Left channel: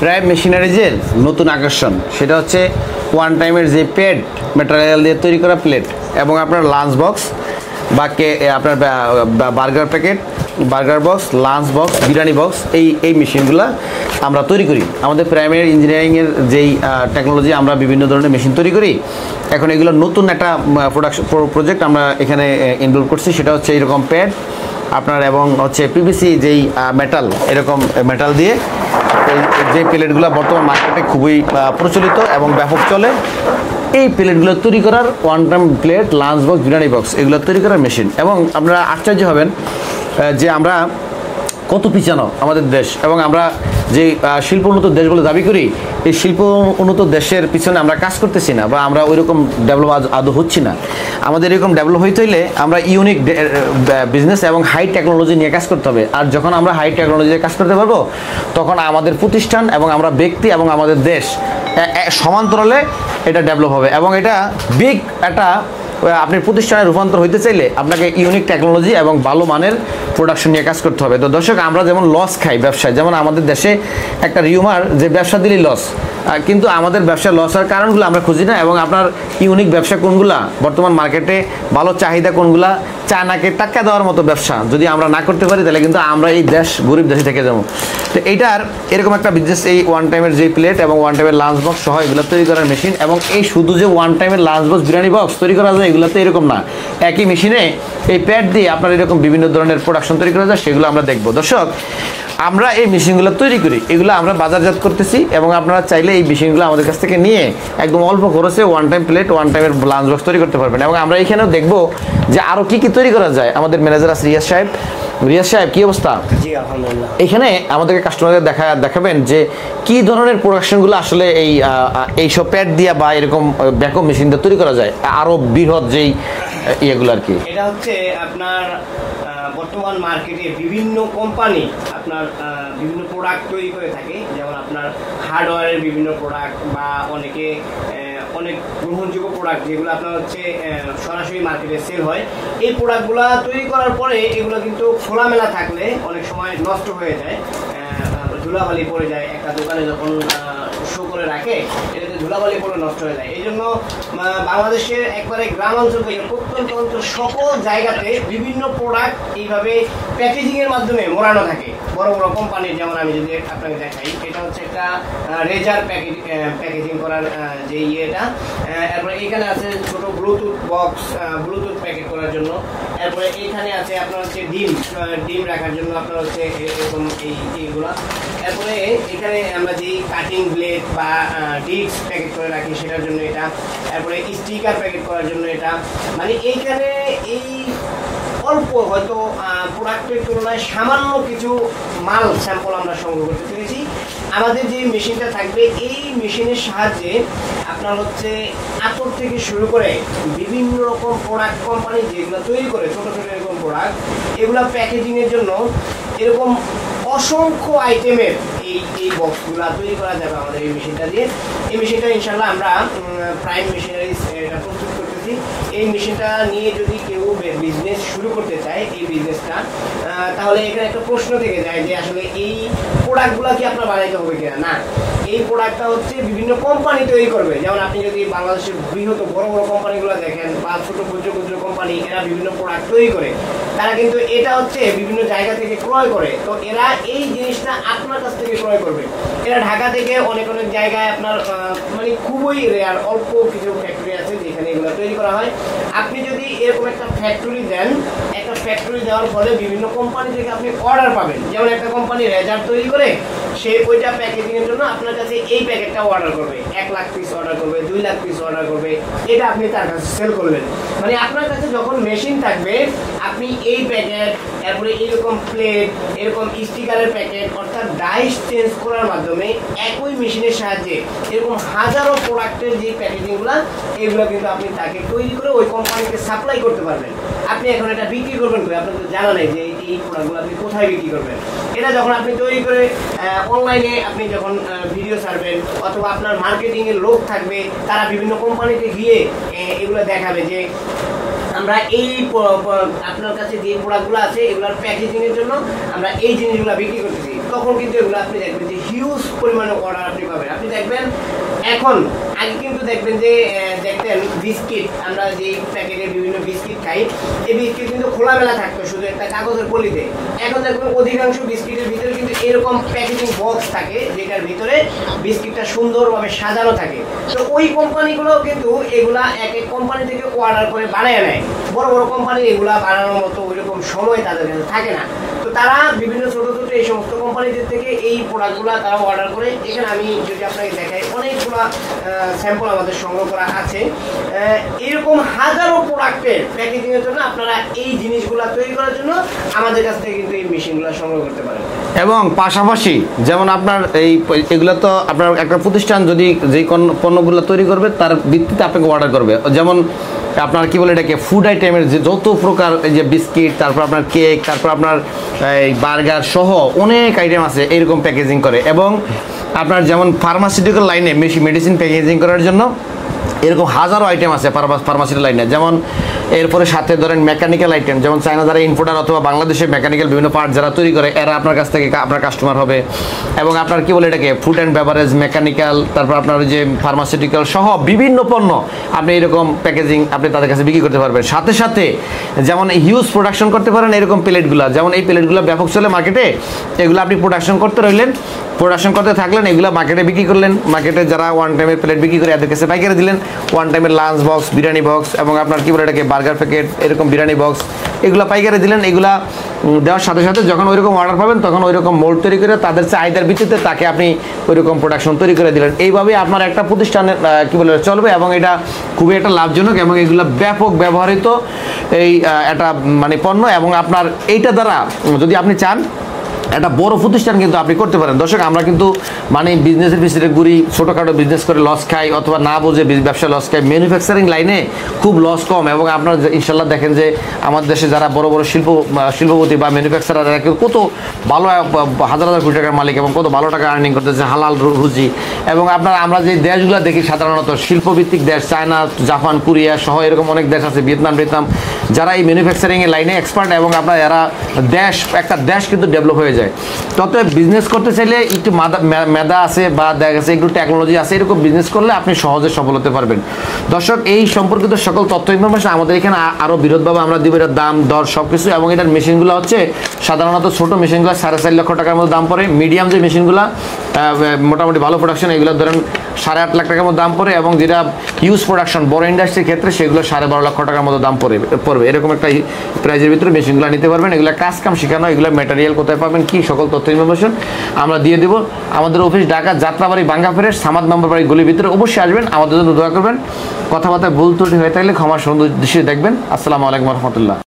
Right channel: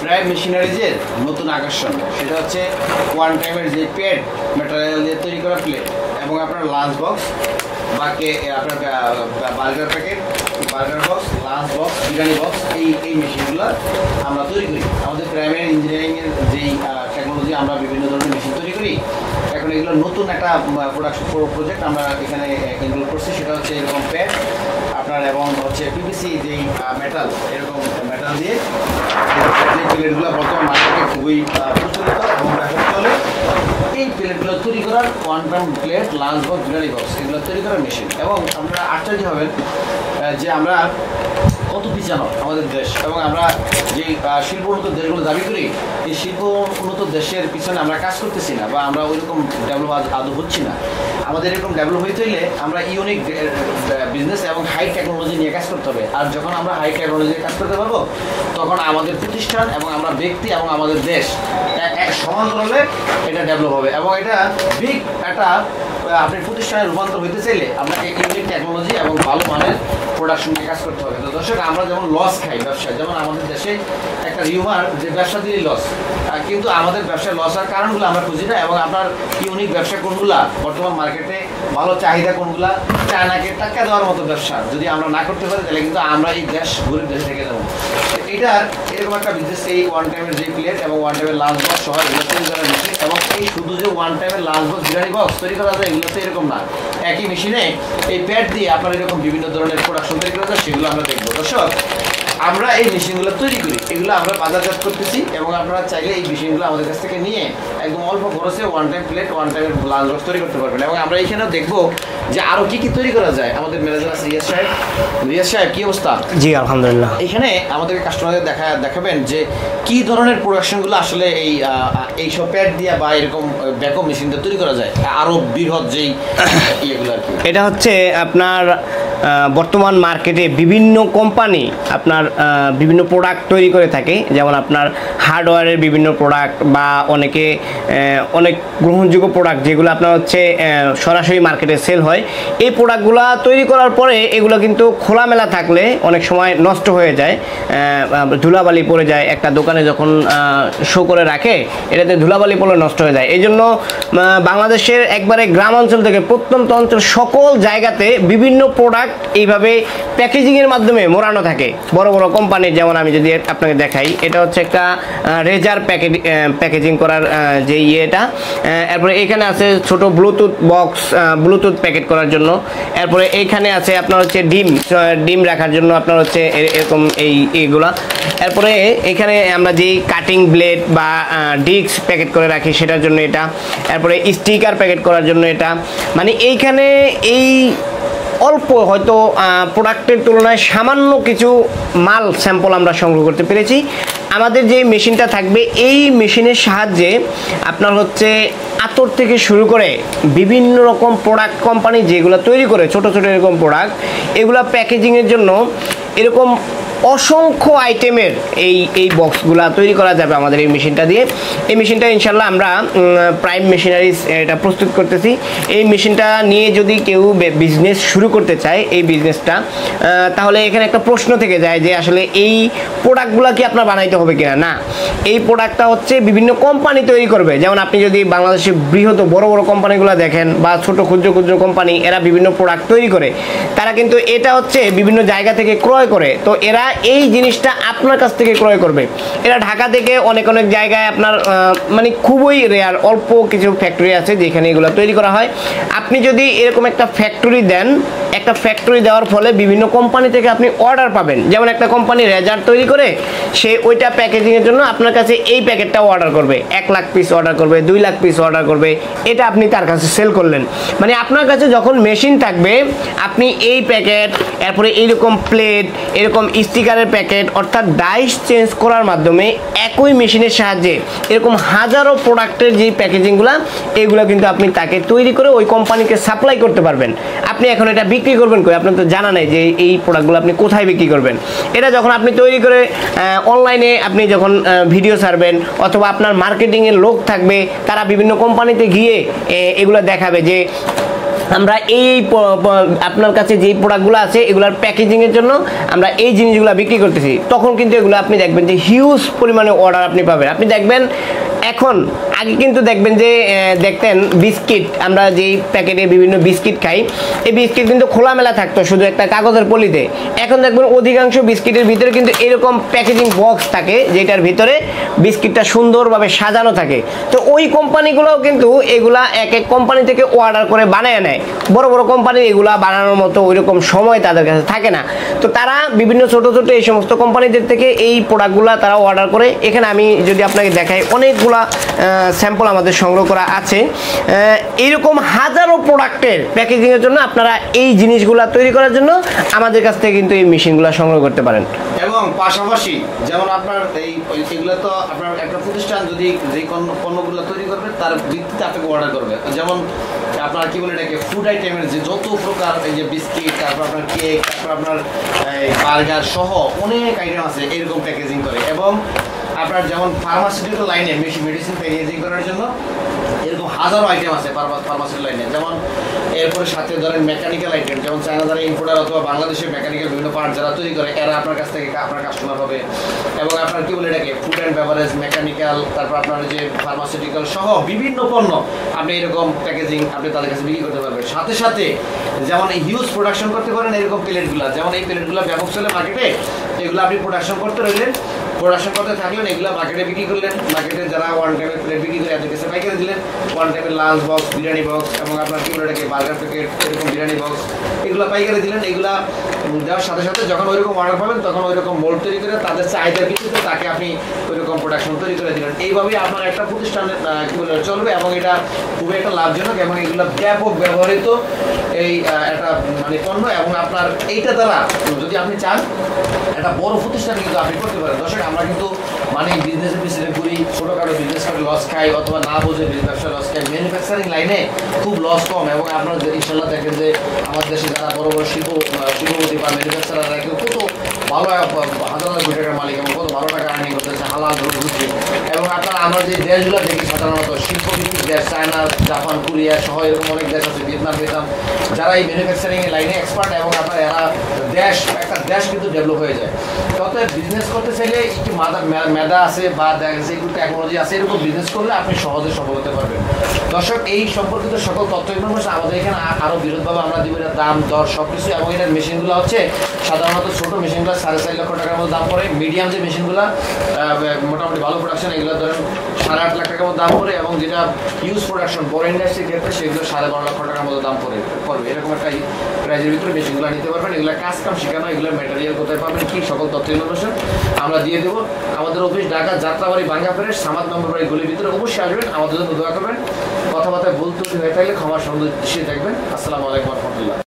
Prime মেশিনারিজের নতুন আকর্ষণ সেটা হচ্ছে ওয়ান টাইমের যে প্যাড ম্যাটেরিয়াল দিয়ে তৈরি করা প্লেট এবং আপনার লাঞ্চ বক্স বা আপনার burger packet, burger box, lunch box, biryani box, এই মেশিনগুলো আমরা তৈরি করি। আমাদের প্রাইমারি ইঞ্জিনিয়ারিংয়ের যেই টেকনোলজি আমরা বিভিন্ন ধরনের মেশিন তৈরি করি, এখন এগুলো নতুন একটা প্রজেক্ট আমরা এখানে ইনভলভ করছি। সেটা হচ্ছে এরকম প্যাড আপনার এবং হচ্ছে পিভিসি যেই মেটাল, এরকম মেটাল দিয়ে যে প্লেটগুলো বর্তমান মার্কেটে খুবই প্রচলিত এবং ব্যাপক চলে, এই প্লেটগুলো তৈরি করার one time plate, lunch box, biryani box এগুলো তৈরি করার মেশিন। এবং আপনারা আশ্চর্য হবেন যে আমরা কত পিছানো আমাদের দেশ, এবং আমরা যে শিল্প উন্নত দেশগুলো দাবি করি, এই শিল্প উন্নত দেশের পিছনে আমরা কাজ করতেছি না, বা আমরা ওইরকম ডেভেলপ আদৌ হচ্ছি না। আমাদের এরকম ডেভেলপ হইতে হইলে আমরা ইউনিক বিজনেস এবং হাই টেকনোলজি নিয়ে কাজ করতে হবে। আর যখন আমরা হাই টেকনোলজি নিয়ে কাজ করতে পারবো, তখন আমাদের প্রতিষ্ঠান এবং আমরা ব্যক্তি এবং আমাদের দেশ সমান্তরালে এটা ডেভেলপ হবে। এবং এটা বিগ একটা আপনি প্রতিষ্ঠানে রূপান্তর হইতে চাইলে আপনাকে ইউনিক টেকনোলজি এবং ভালো মানের প্রোডাকশন নিয়ে কাজ করতে হবে। তো দর্শক, আমরা যেমন লস খাই ব্যবসায়, যেমন আমাদের দেশে একটা রিউমার যে ব্যবসা দিলেই লস, কিন্তু আমাদের ব্যবসায় লস হওয়ার কারণগুলো আমরা খুঁজি না। এবং আপনার ইউনিক ব্যবসা কোনগুলা, বর্তমান মার্কেটে ভালো চাহিদা কোনগুলা, চায়নাকে টাকা দেওয়ার মতো ব্যবসা যদি আমরা না করতে পারি, তাহলে কিন্তু আমরা এই দেশ গরিব দেশে থেকে যাবো। তো এইটার এরকম একটা বিজনেস, এই ওয়ান টাইমের যে প্লেট এবং ওয়ান টাইমের লাঞ্চ বক্স সহ এগুলো তৈরি করার মেশিন। এবং এই শুধু যে ওয়ান টাইমের লাঞ্চ বক্স, বিরিয়ানি বক্স তৈরি করা যায়, এগুলো তো এরকম না, একই মেশিনে এই প্যাড দিয়ে আপনার এরকম বিভিন্ন ধরনের প্রোডাকশন তৈরি করা যায়, সেগুলো আমরা দেখবো। দর্শক, আমরা এই মেশিনগুলো তৈরি করি, এগুলো আমরা বাজারজাত করতেছি, এবং আপনারা চাইলে এই মেশিনগুলো আমাদের কাছ থেকে নিয়ে একদম অল্প খরচে ওয়ান টাইম প্লেট, ওয়ান টাইমের লাঞ্চ বক্স তৈরি করতে পারবেন। এবং আমরা এখানেও দেখবো যে আরও কী কী তৈরি করা যায়। আমাদের ম্যানেজার আছে রিয়াজ সাহেব। রিয়াজ সাহেব, কী অবস্থা? জি আলহামদুলিল্লাহ। এখানে আমাদেরকে কাস্টমারদের দেখাবেন যে কী ধরনের প্রোডাকশনগুলো আসলে এইসব প্যাড দিয়ে বা এরকম ব্যাকআপ মেশিন দিয়ে তৈরি করা যায়, আরও বৃহৎ যেই ইয়েগুলো আর কি। এটা হচ্ছে আপনার বর্তমান মার্কেটে বিভিন্ন কোম্পানি আপনার বিভিন্ন প্রোডাক্ট তৈরি করে থাকে, যেমন আপনার হার্ডওয়্যারের বিভিন্ন প্রোডাক্ট বা অনেক গ্রহণযোগ্য প্রোডাক্ট যেগুলো আপনার হচ্ছে সরাসরি মার্কেটে সেল হয়। এই প্রোডাক্টগুলো তৈরি করার পরে এগুলো কিন্তু খোলামেলা থাকলে অনেক সময় নষ্ট হয়ে যায়, ধুলাবালি পড়ে যায়। একটা দোকানে যখন শো করে রাখে, এটাতে ধুলাবালি পড়লে নষ্ট হয়ে যায়। এই জন্য বাংলাদেশের একবারে গ্রাম অঞ্চল থেকে প্রত্যন্ত অঞ্চল সকল জায়গাতে বিভিন্ন প্রোডাক্ট এইভাবে প্যাকেজিংয়ের মাধ্যমে মোড়ানো থাকে। বড় বড় কোম্পানির, যেমন আমি যদি আপনাকে দেখাই, এটা হচ্ছে একটা রেজার প্যাকেজিং করার যে ইয়েটা। এরপরে এখানে আছে ছোট ব্লুটুথ বক্স, ব্লুটুথ প্যাকেট করার জন্য। এরপরে এইখানে আছে আপনার হচ্ছে ডিম রাখার জন্য আপনার হচ্ছে এরকম এইগুলা। এরপরে এখানে আমরা যেই কাটিং ব্লেড বা ডিস্ক প্যাকেট করে রাখি সেটার জন্য এটা। এরপরে স্টিকার প্যাকেট করার জন্য এটা। মানে এইখানে এই অল্প হয়তো প্রোডাক্টের তুলনায় সামান্য কিছু মাল স্যাম্পল আমরা সংগ্রহ করতে পেরেছি। আমাদের যে মেশিনটা থাকবে, এই মেশিনের সাহায্যে আপনার হচ্ছে আতর থেকে শুরু করে বিভিন্ন রকম প্রোডাক্ট কোম্পানি যেগুলো তৈরি করে ছোট ছোট এরকম প্রোডাক্ট, এগুলো প্যাকেজিংয়ের জন্য এরকম অসংখ্য আইটেমের এই বক্সগুলো তৈরি করা যাবে আমাদের এই মেশিনটা দিয়ে। এই মেশিনটা ইনশাল্লাহ আমরা প্রাইম মেশিনারিজ এটা প্রস্তুত করতেছি। এই মেশিনটা নিয়ে যদি কেউ বিজনেস শুরু করতে চায়, এই বিজনেসটা, তাহলে এখানে একটা প্রশ্ন থেকে যায় যে আসলে এই প্রোডাক্টগুলো কি আপনার বানাইতে হবে কিনা। না, এই প্রোডাক্টটা হচ্ছে বিভিন্ন কোম্পানি তৈরি করবে। যেমন আপনি যদি বাংলাদেশের বৃহৎ বড় বড় কোম্পানিগুলো দেখেন, বা ছোট ক্ষুদ্র ক্ষুদ্র কোম্পানি, এরা বিভিন্ন প্রোডাক্ট তৈরি করে, তারা কিন্তু এটা হচ্ছে বিভিন্ন জায়গা থেকে ক্রয় করে। তো এরা এই জিনিসটা আপনার কাছ থেকে ক্রয় করবে। এরা ঢাকা থেকে অনেক জায়গায় আপনার মানে খুবই রেয়ার অল্প কিছু ফ্যাক্টরি আছে যেখানে এগুলো তৈরি করা হয়। আপনি যদি এরকম একটা ফ্যাক্টরি দেন, একটা ফ্যাক্টরি দেওয়ার ফলে বিভিন্ন কোম্পানি থেকে আপনি অর্ডার পাবেন। যেমন একটা কোম্পানি রেজার তৈরি করে, সে ওইটা প্যাকেজিংয়ের জন্য আপনার কাছে এই প্যাকেটটাও অর্ডার করবে, 1 লাখ পিস অর্ডার করবে, 2 লাখ পিস অর্ডার করবে। এটা আপনি তার কাছে সেল করলেন। মানে আপনার কাছে যখন মেশিন থাকবে, আপনি এই প্যাকেট, এরপরে এইরকম প্লেট, এরকম স্টিকারের প্যাকেট, অর্থাৎ ডাইস চেঞ্জ করার মাধ্যমে একই মেশিনের সাহায্যে এরকম হাজারো প্রোডাক্টের যে প্যাকেজিংগুলো, এগুলো কিন্তু আপনি তাকে তৈরি করে ওই কোম্পানিকে সাপ্লাই করতে পারবেন। আপনি এখন এটা বিক্রি করবেন কই, আপনার তো জানা নাই যে এই প্রোডাক্টগুলো আপনি কোথায় বিক্রি করবেন। এটা যখন আপনি তৈরি করে অনলাইনে আপনি যখন ভিডিও ছাড়বেন, অথবা আপনার মার্কেটিংয়ের লোক থাকবে, তারা বিভিন্ন কোম্পানিতে গিয়ে এগুলো দেখাবে যে আমরা আপনার কাছে যে প্রোডাক্টগুলো আছে এগুলোর প্যাকেজিং এর জন্য আমরা এই জিনিসগুলো বিক্রি করতেছি, তখন কিন্তু এগুলো আপনি দেখবেন যে হিউজ পরিমাণে অর্ডার আপনি পাবেন। আপনি দেখবেন এখন, আগে কিন্তু দেখবেন যে দেখতেন বিস্কিট, আমরা যেই প্যাকেটে বিভিন্ন বিস্কিট খাই, এই বিস্কিট কিন্তু খোলামেলা থাকতো শুধু একটা কাগজের পলিতে। এখন দেখবেন অধিকাংশ বিস্কিটের ভিতরে কিন্তু এরকম প্যাকেজিং বক্স থাকে, যেটার ভিতরে বিস্কিটটা সুন্দরভাবে সাজানো থাকে। তো ওই কোম্পানিগুলোও কিন্তু এগুলা এক এক কোম্পানি থেকে অর্ডার করে বানিয়ে নেয়। বড় বড় কোম্পানি এগুলা বানানোর মতো ওইরকম সময় তাদের কাছে থাকে না, তো তারা বিভিন্ন ছোট ছোট এই সমস্ত কোম্পানিদের থেকে এই প্রোডাক্টগুলো তারা অর্ডার করে। এখানে আমি যদি আপনাকে দেখাই, অনেকগুলা স্যাম্পল আমাদের সংগ্রহ করা আছে। এইরকম হাজারো প্রোডাক্টের প্যাকেজিংয়ের জন্য আপনারা এই জিনিসগুলো তৈরি করার জন্য আমাদের কাছ থেকে কিন্তু এই মেশিনগুলো সংগ্রহ করতে পারেন। এবং পাশাপাশি যেমন আপনার এগুলো তো আপনার একটা প্রতিষ্ঠান যদি যেই পণ্যগুলো তৈরি করবে তার ভিত্তিতে আপনাকে অর্ডার করবে। যেমন আপনার কি বলে এটাকে ফুড আইটেমের যে যত প্রকার এই যে বিস্কিট, তারপর আপনার কেক, তারপর আপনার এই বার্গার সহ অনেক আইটেম আছে এরকম প্যাকেজিং করে। এবং আপনার যেমন ফার্মাসিউটিক্যাল লাইনে মেডিসিন প্যাকেজিং করার জন্য এরকম হাজারো আইটেম আছে ফার্মাসিউটিক্যাল লাইনে। যেমন এরপরে সাথে ধরেন মেকানিক্যাল আইটেম, যেমন চায়না যারা ইম্পোর্টার অথবা বাংলাদেশে মেকানিক্যাল বিভিন্ন পার্ট যারা তৈরি করে, এরা আপনার কাছ থেকে আপনার কাস্টমার হবে। এবং আপনার কি বলে এটাকে ফুড অ্যান্ড বেভারেজ, মেকানিক্যাল, তারপর আপনার যে ফার্মাসিউটিক্যাল সহ বিভিন্ন পণ্য আপনি এরকম প্যাকেজিং আপনি তাদের কাছে বিক্রি করতে পারবেন। সাথে সাথে যেমন হিউজ প্রোডাকশন করতে পারেন এরকম প্লেটগুলো, যেমন এই প্লেটগুলো ব্যাপক চলে মার্কেটে, এগুলো আপনি প্রোডাকশন করতে রইলেন, প্রোডাকশন করতে থাকলেন, এগুলো মার্কেটে বিক্রি করলেন। মার্কেটে যারা ওয়ান টাইমের প্লেট বিক্রি করে এদের কাছে পাইকারি দিলেন, ওয়ান টাইমের লাঞ্চ বক্স, বিরিয়ানি বক্স এবং আপনার কি বলে এটাকে বার্গার প্যাকেট, এরকম বিরিয়ানি বক্স, এগুলো পাইকারি দিলেন। এগুলা দেওয়ার সাথে সাথে যখন ওইরকম অর্ডার পাবেন তখন ওইরকম মোল্ড তৈরি করে তাদের চাহিদার ভিত্তিতে তাকে আপনি ওইরকম প্রোডাকশন তৈরি করে দিলেন। এইভাবে আপনার একটা প্রতিষ্ঠানের কি বলে চলবে এবং এটা খুবই একটা লাভজনক এবং এগুলো ব্যাপক ব্যবহৃত এই একটা মানে পণ্য। এবং আপনার এইটা দ্বারা যদি আপনি চান একটা বড় প্রতিষ্ঠান কিন্তু আপনি করতে পারেন। দর্শক, আমরা কিন্তু মানে বিজনেসের পিছনে ঘুরি, ছোটোখাটো বিজনেস করে লস খাই অথবা না বুঝে ব্যবসা লস খাই। ম্যানুফ্যাকচারিং লাইনে খুব লস কম এবং আপনারা ইনশাল্লাহ দেখেন যে আমাদের দেশে যারা বড় বড় শিল্পপতি বা ম্যানুফ্যাকচারার এরা কেউ কত ভালো হাজার হাজার কোটি টাকার মালিক এবং কত ভালো টাকা আর্নিং করতেছে হালাল রুজি। এবং আপনারা আমরা যে দেশগুলো দেখি সাধারণত শিল্পভিত্তিক দেশ, চায়না, জাপান, কোরিয়া সহ এরকম অনেক দেশ আছে, ভিয়েতনাম, যারা এই ম্যানুফ্যাকচারিংয়ের লাইনে এক্সপার্ট এবং আপনার এরা একটা দেশ কিন্তু ডেভেলপ হয়ে যায়। তত বিজনেস করতে চাইলে একটু মেধা আছে বা দেখা গেছে একটু টেকনোলজি আছে, এরকম বিজনেস করলে আপনি সহজে সফল হতে পারবেন। দর্শক, এই সম্পর্কিত সকল তথ্য ইনফরমেশন আমাদের এখানে আরও বিরোধভাবে আমরা দিব, এটার দাম দর সব কিছু। এবং এটার মেশিনগুলো হচ্ছে সাধারণত ছোটো মেশিনগুলো 4.5 লক্ষ টাকার মতো দাম পড়ে, মিডিয়াম যে মেশিনগুলো মোটামুটি ভালো প্রোডাকশন এগুলো ধরেন 8.5 লাখ টাকার মতো দাম পড়ে, এবং যেটা হিউজ প্রোডাকশন বড় ইন্ডাস্ট্রির ক্ষেত্রে সেগুলো 12.5 লক্ষ টাকার মতো দাম পড়বে। এরকম একটা প্রাইজের ভিতরে মেশিনগুলো নিতে পারবেন। এগুলো কাজ কাম শেখানো, এগুলো ম্যাটেরিয়াল কোথায় পাবেন কি সকল তথ্য ইনফরমেশন আমরা দিয়ে দেবো। আমাদের অফিস ঢাকা যাত্রাবাড়ি বাঙ্গা ফেরের সামাদ মেম্বার বাড়ি গলির ভিতরে। অবশ্যই আসবেন, আমাদের জন্য দোয়া করবেন। কথাবার্তা ভুল ত্রুটি হয়ে থাকলে ক্ষমা সুন্দর দৃশ্যে দেখবেন। আসসালামু আলাইকুম রহমতুল্লাহ।